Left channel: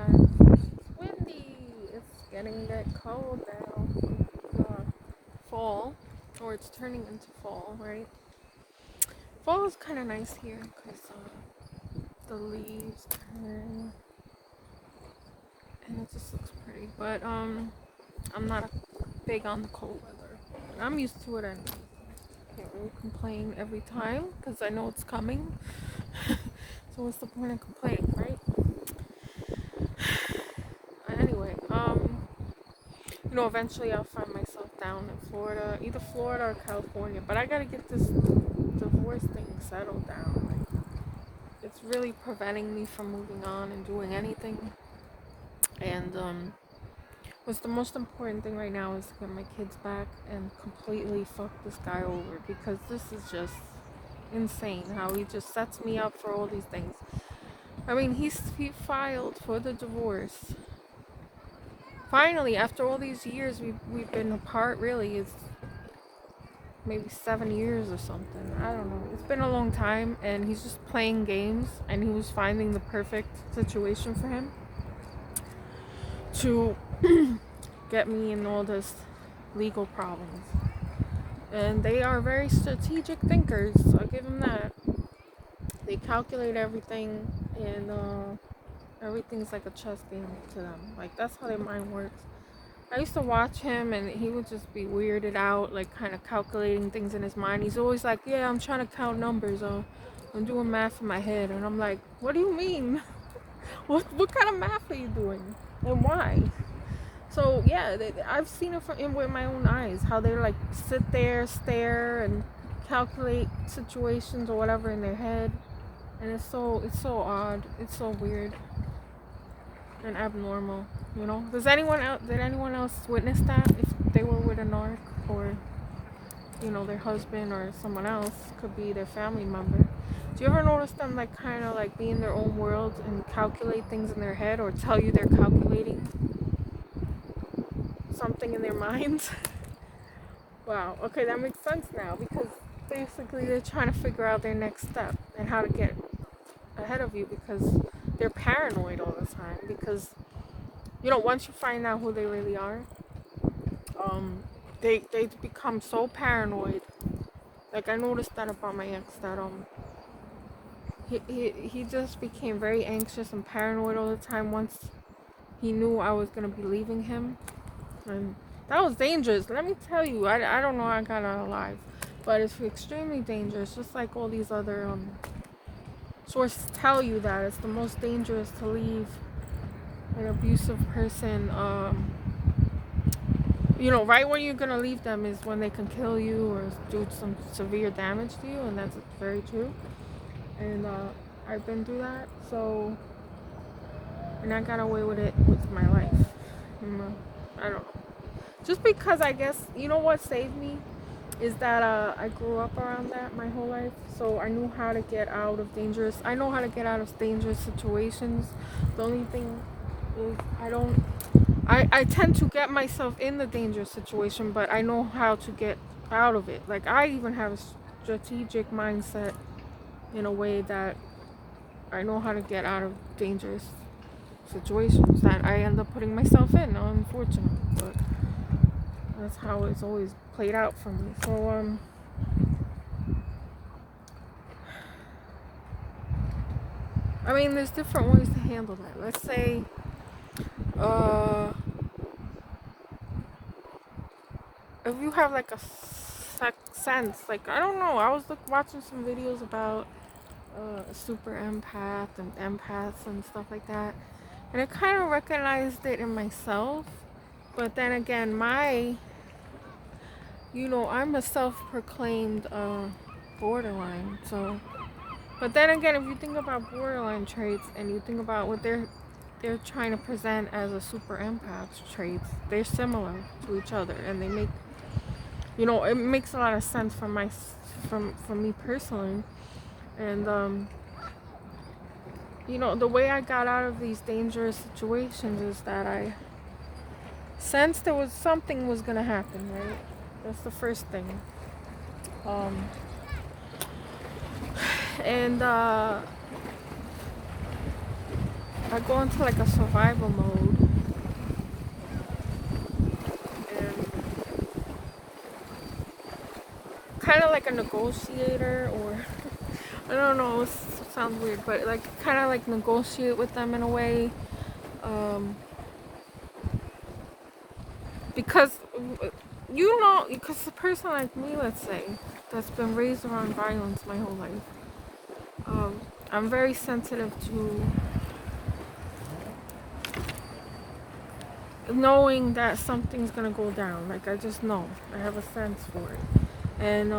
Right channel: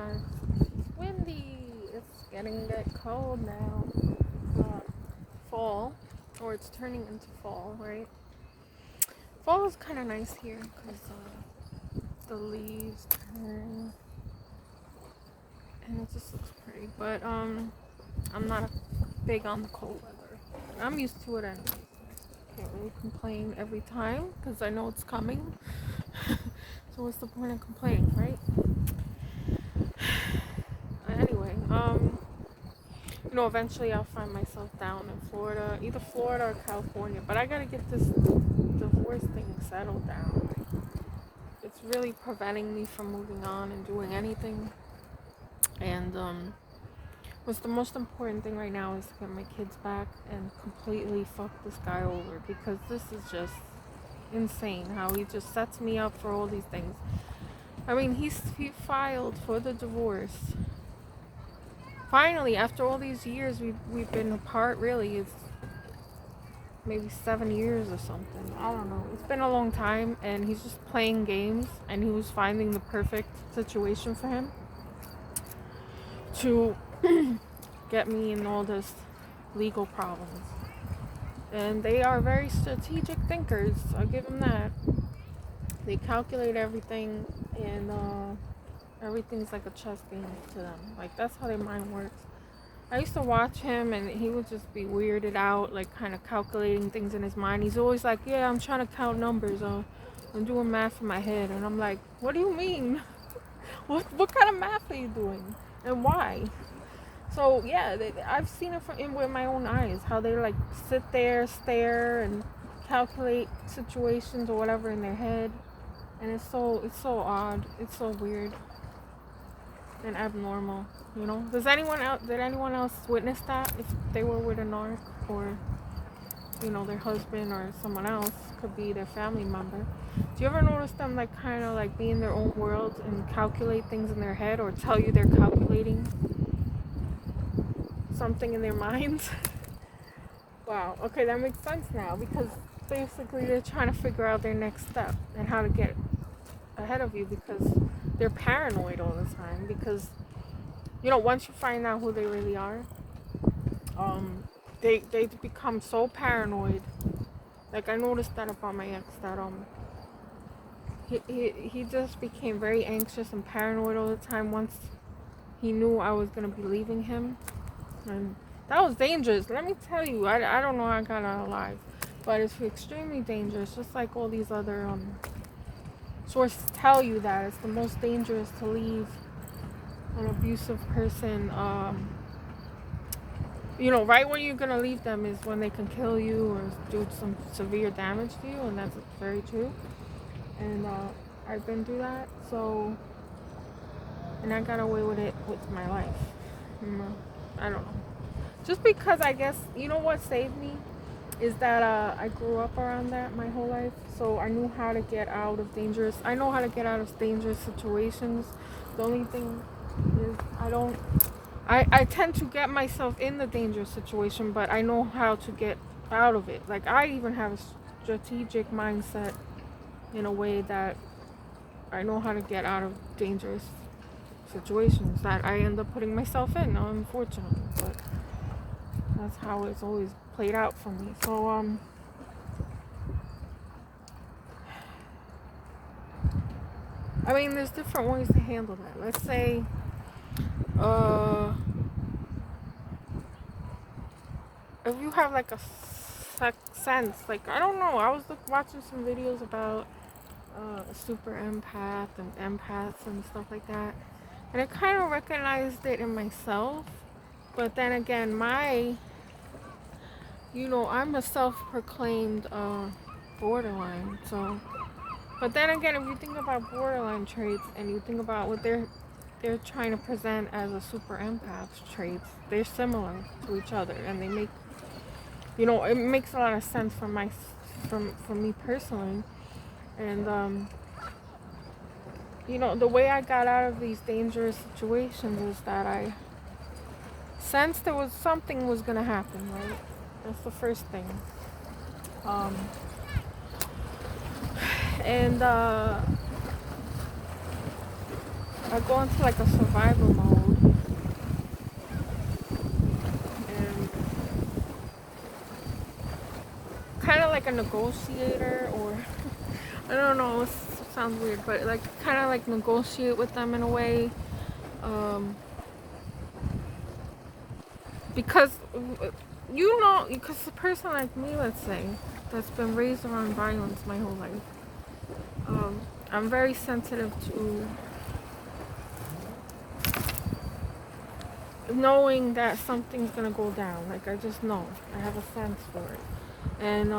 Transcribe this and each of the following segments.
sometimes. It's windy. It's getting a bit cold now. Fall, or it's turning into fall, right? Fall is kind of nice here because the leaves turn and it just looks pretty. But I'm not big on the cold weather. I'm used to it anyway. Can't really complain every time because I know it's coming. So what's the point of complaining, right? Anyway, eventually I'll find myself down in Florida, either Florida or California. But I gotta get this divorce thing settled down. Like, it's really preventing me from moving on and doing anything. And what's the most important thing right now is to get my kids back and completely fuck this guy over, because this is just insane how he just sets me up for all these things. I mean, he filed for the divorce. Finally, after all these years we've been apart, really, it's maybe 7 years or something. I don't know. It's been a long time, and he's just playing games, and he was finding the perfect situation for him to get me in all this legal problems. And they are very strategic thinkers, I'll give them that. They calculate everything, and everything's like a chess game to them. Like, that's how their mind works. I used to watch him, and he would just be weirded out, like kind of calculating things in his mind. He's always like, yeah, I'm trying to count numbers. I'm doing math in my head. And I'm like, what do you mean? What kind of math are you doing? And why? So, yeah, I've seen it with my own eyes, how they like sit there, stare, and calculate situations or whatever in their head. And it's so odd. It's so weird and abnormal, Did anyone else witness that? If they were with a narc, or their husband or someone else, could be their family member. Do you ever notice them like kind of like be in their own world and calculate things in their head, or tell you they're calculating something in their mind? Wow. Okay, that makes sense now, because basically they're trying to figure out their next step and how to get ahead of you, because they're paranoid all the time. Because once you find out who they really are, they become so paranoid. Like, I noticed that about my ex, that he just became very anxious and paranoid all the time once he knew I was gonna be leaving him. And that was dangerous. Let me tell you, I don't know how I got out alive, but it's extremely dangerous. Just like all these other sources tell you, that it's the most dangerous to leave an abusive person. Right when you're gonna leave them is when they can kill you or do some severe damage to you, and that's very true. And I've been through that, and I got away with it with my life. I don't know. Just because, I guess, what saved me is that I grew up around that my whole life, so I knew how to get out of I know how to get out of dangerous situations. The only thing is I tend to get myself in the dangerous situation, but I know how to get out of it. Like, I even have a strategic mindset in a way that I know how to get out of dangerous situations that I end up putting myself in, unfortunately. But that's how it's always played out for me. So, I mean, there's different ways to handle that. Let's say, if you have like a sense, like, I don't know, I was watching some videos about super empath and empaths and stuff like that, and I kind of recognized it in myself. But then again, I'm a self-proclaimed borderline. So, but then again, if you think about borderline traits and you think about what they're trying to present as a super empath traits, they're similar to each other, and they make, it makes a lot of sense for me personally. And the way I got out of these dangerous situations is that I sensed there was something was gonna happen, right? That's the first thing. And I go into like a survival mode, and kind of like a negotiator, or I don't know, it sounds weird, but like kind of like negotiate with them in a way, um, because because a person like me, let's say, that's been raised around violence my whole life, I'm very sensitive to knowing that something's gonna go down. Like I just know, I have a sense for it, and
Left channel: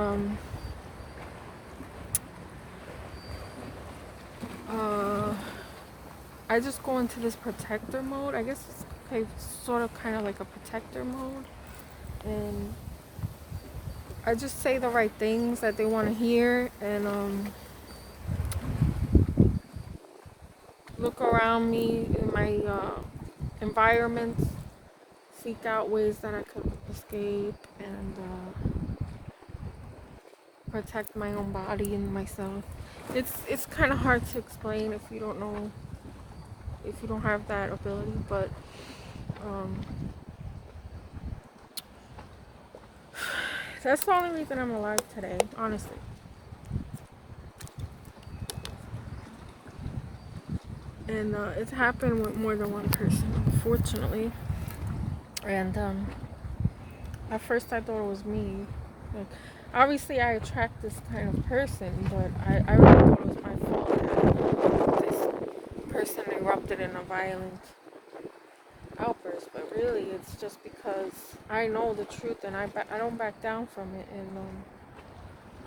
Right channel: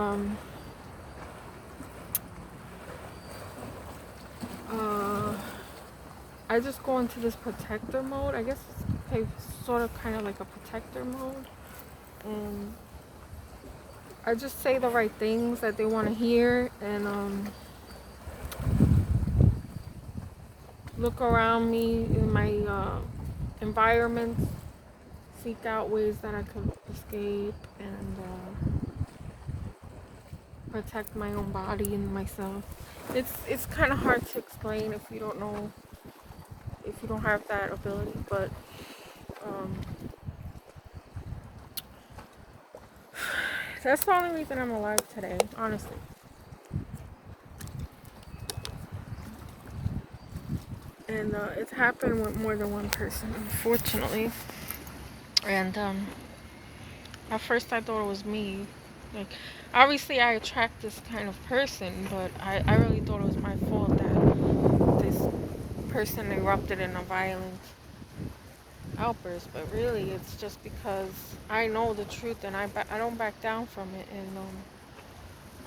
uh, I just go into this protector mode. I guess it's okay, sort of, kind of like a protector mode, and I just say the right things that they want to hear, and look around me in my environments, seek out ways that I could escape, and protect my own body and myself. It's kind of hard to explain if you don't know, if you don't have that ability, but um, that's the only reason I'm alive today, honestly. And it's happened with more than one person, unfortunately. And at first I thought it was me. Like, obviously I attract this kind of person, but I really thought it was my fault that this person erupted in a violent outburst. But really, it's just because I know the truth, and I don't back down from it. And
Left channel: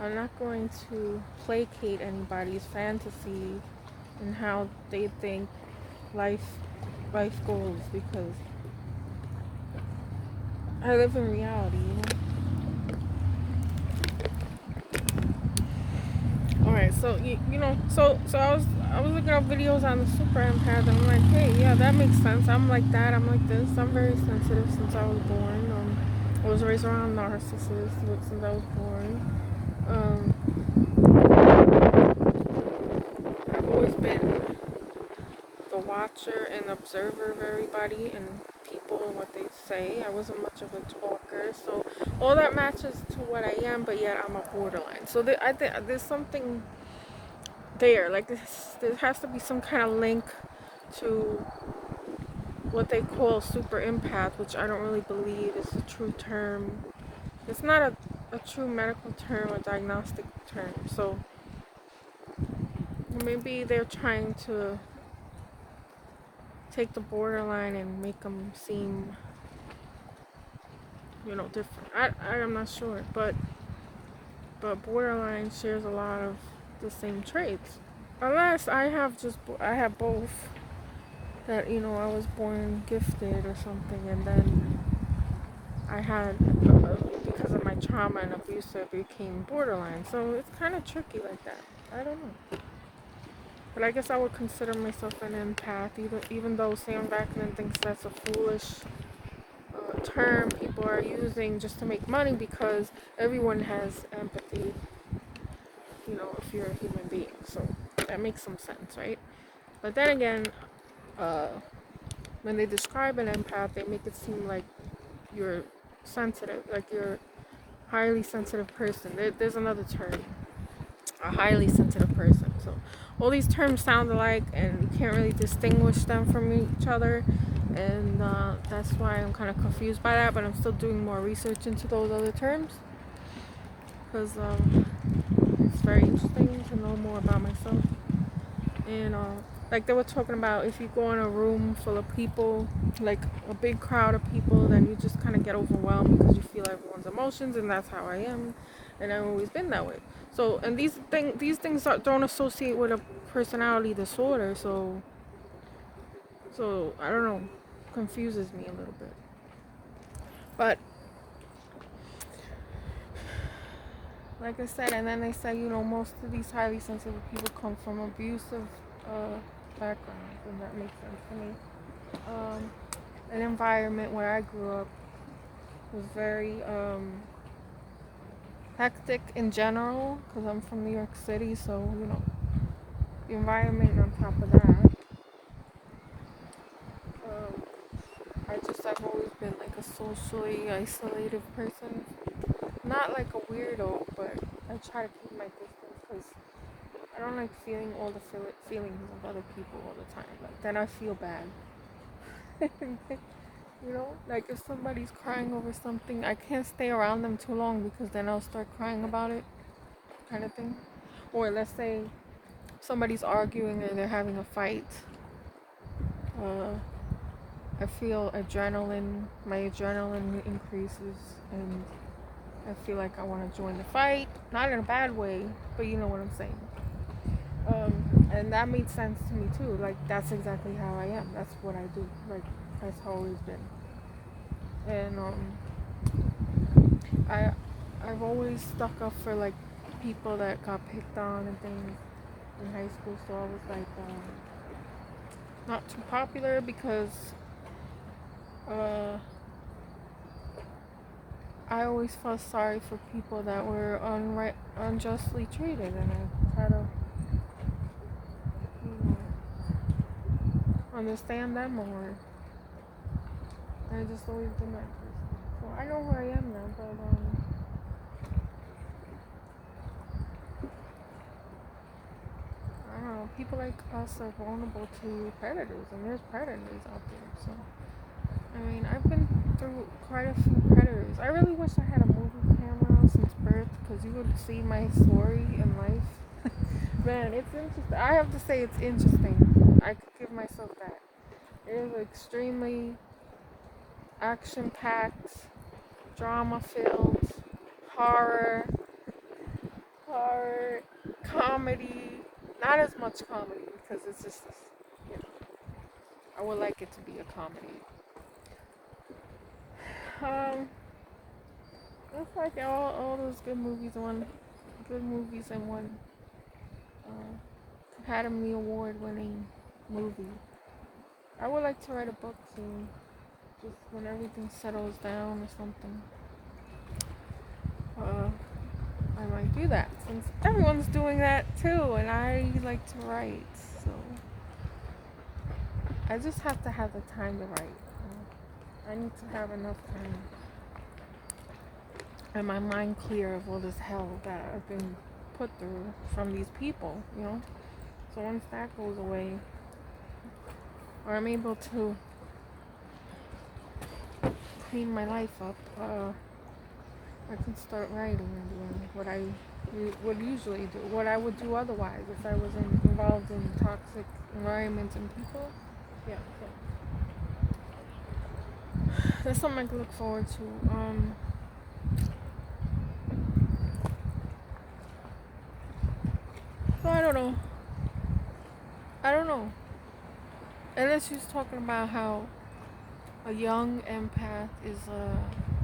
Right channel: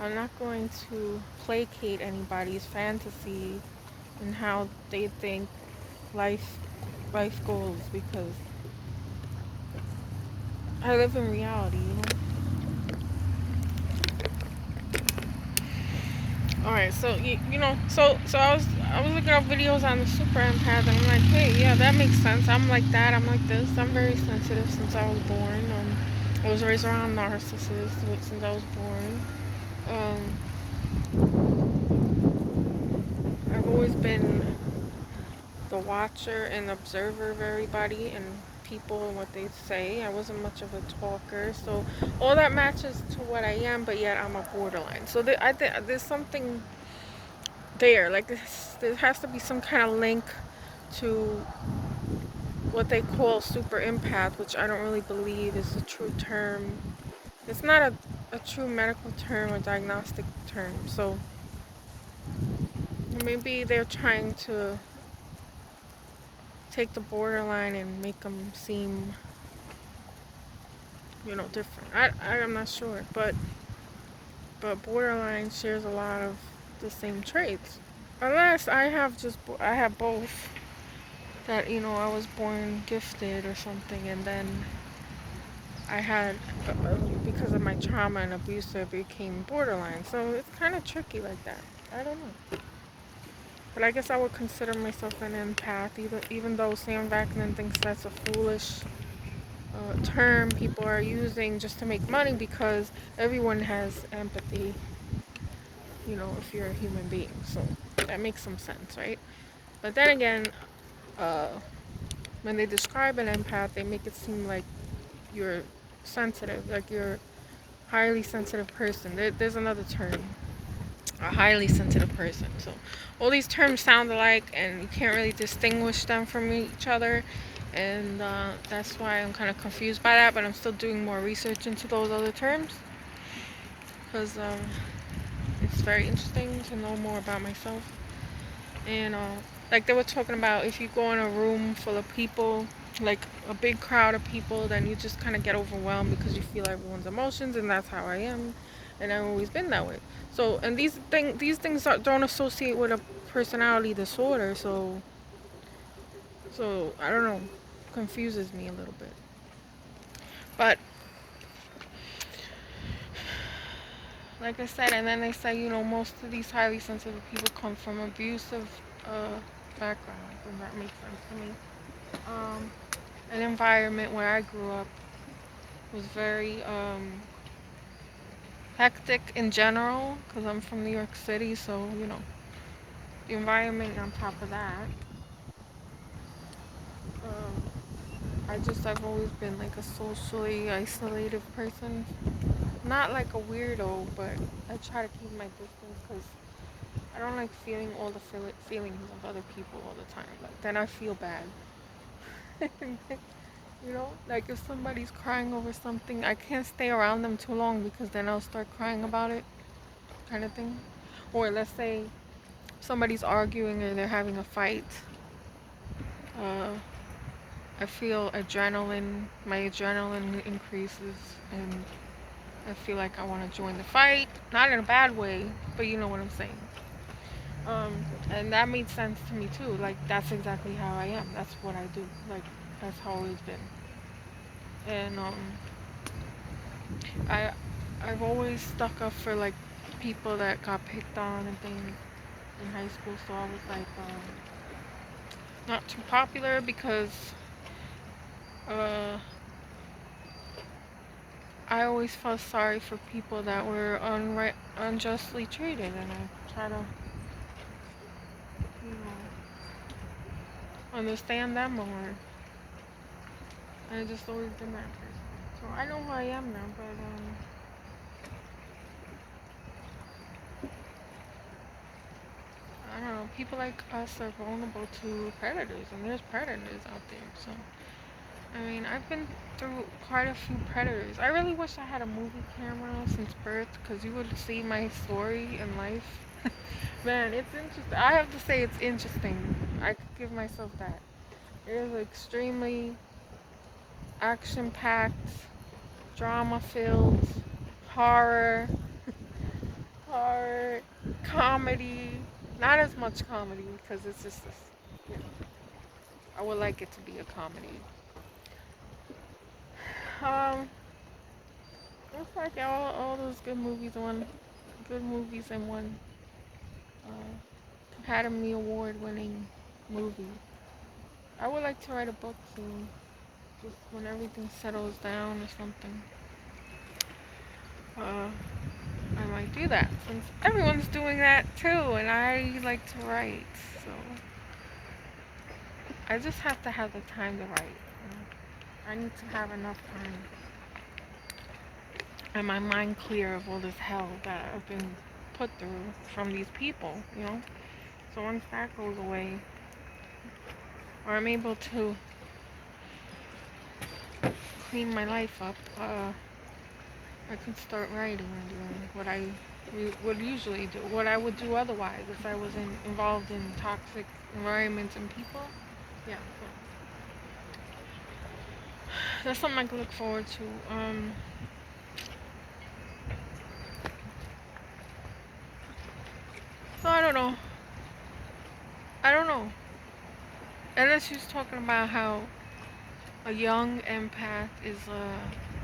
I'm not going to placate anybody's fantasy and how they think life life goes, because I live in reality, you know. All right, so so I was looking up videos on the super empath, and I'm like, hey, yeah, that makes sense. I'm like that. I'm like this. I'm very sensitive since I was born. I was raised around narcissists since I was born. I've always been the watcher and observer of everybody and people and what they say. I wasn't much of a talker, so all that matches to what I am, but yet I'm a borderline. So I think there's something there. Like there has to be some kind of link to what they call super empath, which I don't really believe is a true term. It's not a true medical term or diagnostic term. So maybe they're trying to take the borderline and make them seem, different. I'm not sure, but borderline shares a lot of the same traits. Unless I have both. That I was born gifted or something, and then I had because of my trauma and abuse, I became borderline. So it's kind of tricky like that. I don't know, but I guess I would consider myself an empath, even though Sam Vaknin thinks that's a foolish term people are using just to make money, because everyone has empathy, if you're a human being. So that makes some sense, right? But then again, uh, when they describe an empath, they make it seem like you're sensitive, like you're a highly sensitive person. There's another term, a highly sensitive person. So all these terms sound alike, and you can't really distinguish them from each other. And that's why I'm kind of confused by that, but I'm still doing more research into those other terms, because it's very interesting to know more about myself. And like they were talking about, if you go in a room full of people, like a big crowd of people, then you just kind of get overwhelmed because you feel everyone's emotions, and that's how I am, and I've always been that way. So, and these things don't associate with a personality disorder, so I don't know, confuses me a little bit. But like I said, and then they say, most of these highly sensitive people come from abusive backgrounds, and that makes sense to me. An environment where I grew up was very hectic in general, because I'm from New York City, so the environment on top of that. I've always been like a socially isolated person. Not like a weirdo, but I try to keep my distance because I don't like feeling all the feelings of other people all the time. Like, then I feel bad. Like if somebody's crying over something, I can't stay around them too long because then I'll start crying about it, kind of thing. Or let's say somebody's arguing or they're having a fight. Uh, I feel my adrenaline increases, and I feel like I want to join the fight. Not in a bad way, but you know what I'm saying. And that made sense to me too. Like that's exactly how I am. That's what I do. Like that's how I've always been. And I I've always stuck up for like people that got picked on and things in high school. So I was like not too popular because uh, I always felt sorry for people that were unjustly treated, and I try to you know understand them more. I just always been that person. So I know who I am now, but I don't know. People like us are vulnerable to predators, and there's predators out there. So I mean, I've been through quite a few predators. I really wish I had a movie camera since birth, because you would see my story in life. Man, it's interesting. I have to say it's interesting. I could give myself that. It is extremely action-packed, drama-filled, horror, horror, comedy. Not as much comedy because it's just, you know, I would like it to be a comedy. Um, it's like all those good movies in one Academy Award winning movie. I would like to write a book soon, just when everything settles down or something. Uh, I might do that since everyone's doing that too, and I like to write. So I just have to have the time to write. I need to have enough time and my mind clear of all this hell that I've been put through from these people. So once that goes away, or I'm able to clean my life up, I can start writing and doing what I would usually do, what I would do otherwise if I was involved in toxic environments and people. Yeah, that's something I can look forward to. So I don't know. I don't know. And then she was talking about how a young empath is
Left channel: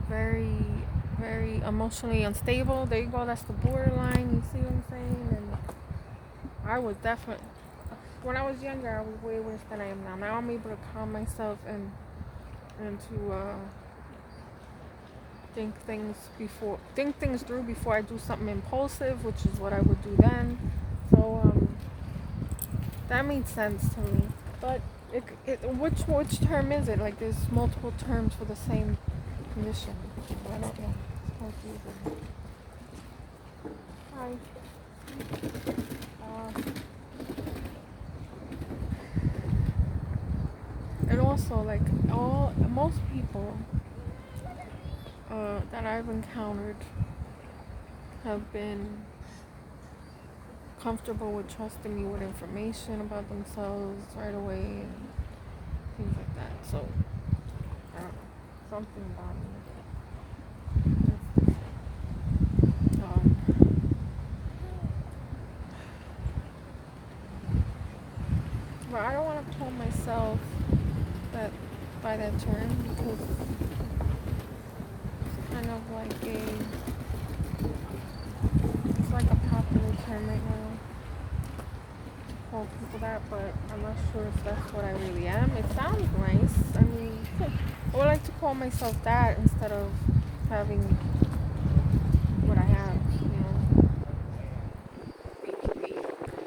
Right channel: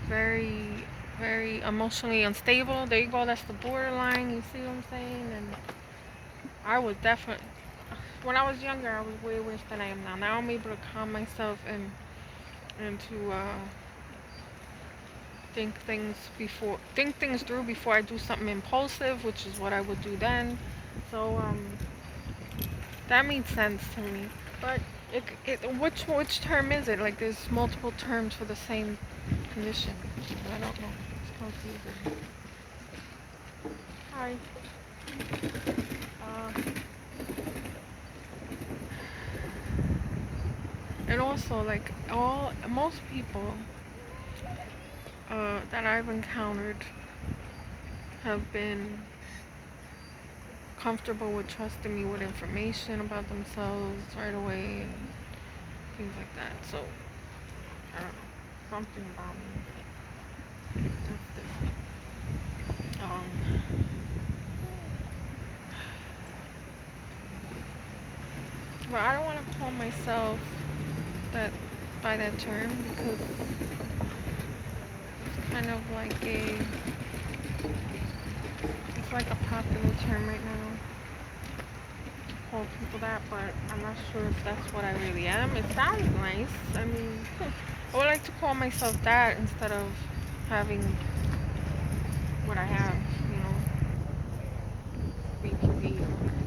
very, very emotionally unstable. There you go. That's the borderline. You see what I'm saying? And I was definitely, when I was younger, I was way worse than I am now. Now I'm able to calm myself and to think things through before I do something impulsive, which is what I would do then. So that made sense to me. But which term is it? Like there's multiple terms for the same condition. I don't know. It's confusing. Hi. Uh, and also, like most people that I've encountered have been comfortable with trusting me with information about themselves right away and things like that. So I don't know, something about me. But I don't want to call myself that by that term because it's kind of like it's like a popular term right now to call people that, but I'm not sure if that's what I really am. It sounds nice. I mean, I would like to call myself that instead of having what I have.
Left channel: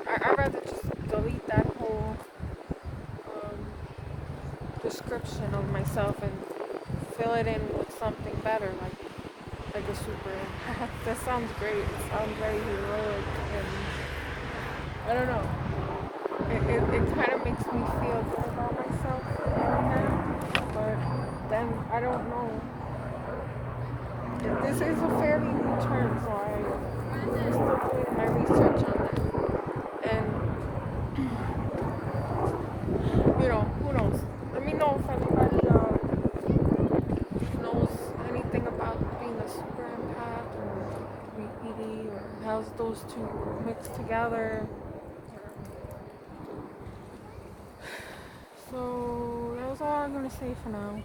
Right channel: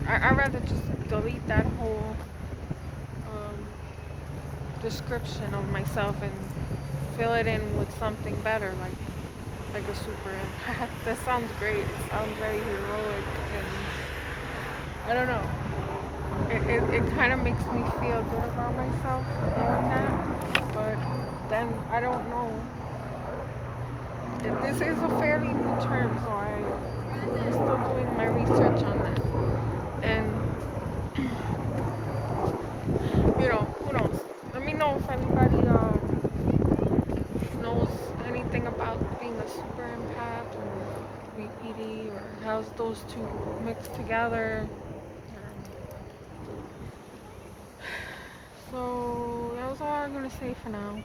I'd rather just delete that whole description of myself and fill it in with something better, like a super empath. That sounds great. It sounds very heroic, and I don't know. It kind of makes me feel good about myself, but then I don't know. This is a fairly new term, so I'm still doing my research on that. And who knows? Let me know if anybody knows anything about being a super empath or BPD, or how's those two mixed together. So that was all I'm gonna say for now.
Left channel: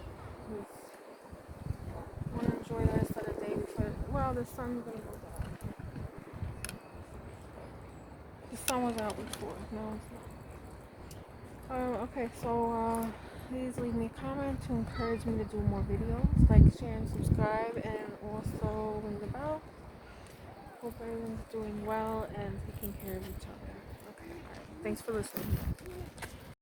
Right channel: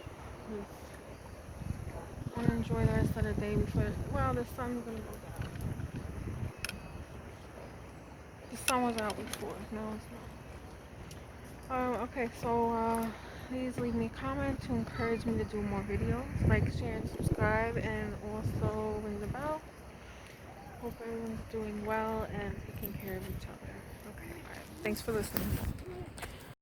I want to enjoy the rest of the day before. Well, the sun's gonna go down. The sun was out before. No, it's not. Okay, so please leave me a comment to encourage me to do more videos. Like, share, and subscribe, and also ring the bell. Hope everyone's doing well and taking care of each other. Okay, alright. Thanks for listening.